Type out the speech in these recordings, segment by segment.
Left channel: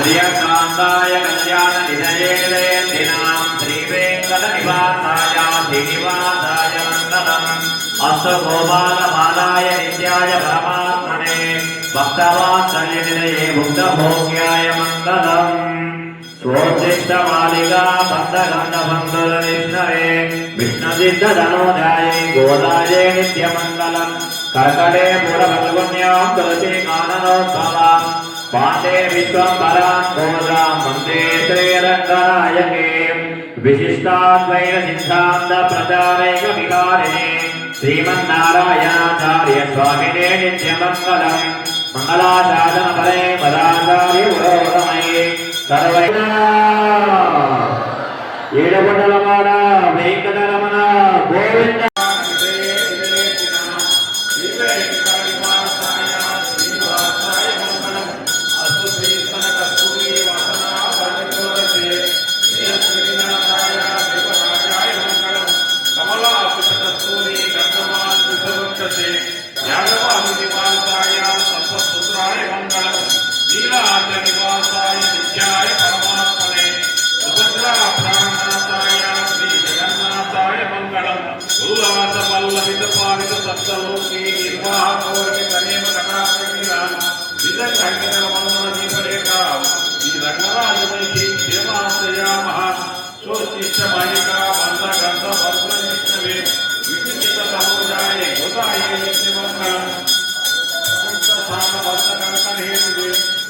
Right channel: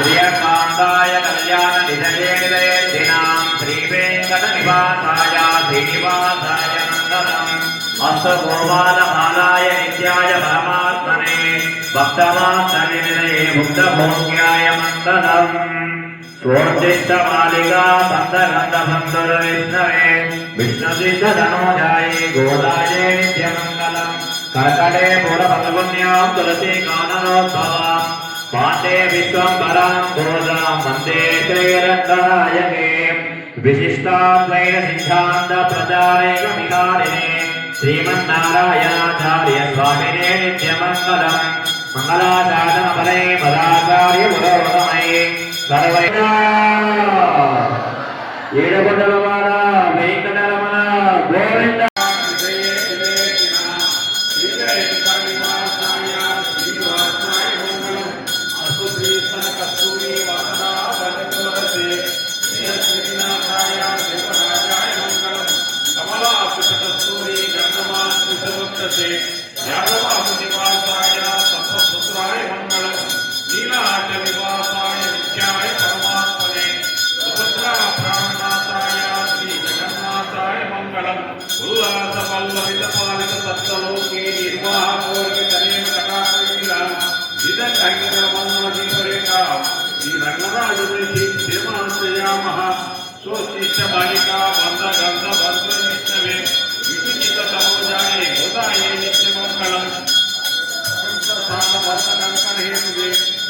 श्रियकान्ताय कल्याण निधयेन्द्रेन्द्रिणां श्रीवेङ्कटनिवासाय श्रीनिवासाय मङ्गलम् अस्तु गोपालपालाय नित्याय परमात्मने भक्तवात्सल्ये मुक्तभोग्याय मङ्गलम् स्वोद्दिष्टमालिका बन्धगन्धबन्धुर्विष्णवे विष्णुसिद्धधनोजाय गोदाये नित्यमङ्गलम् कर्कटे पुरफल्गुन्यां तुलसी काननोद्भवाम् पाण्डे विश्वम्भरां गोदां वन्दे श्रीरङ्गनायके विशिष्टाद्वैत सिद्धान्त प्रचारैकविहारिणे श्रीमन्नारायणाचार्य स्वामिने नित्यमङ्गलम् मंगलाशासनफले पदाचार्य पुरोगमये सर्वैः ఏడుకొండలవాడ వెంకటరమణ గోవింద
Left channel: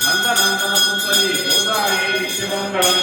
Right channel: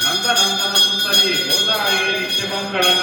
నందనందన సుందరి గోదావరి నిత్యమంగళం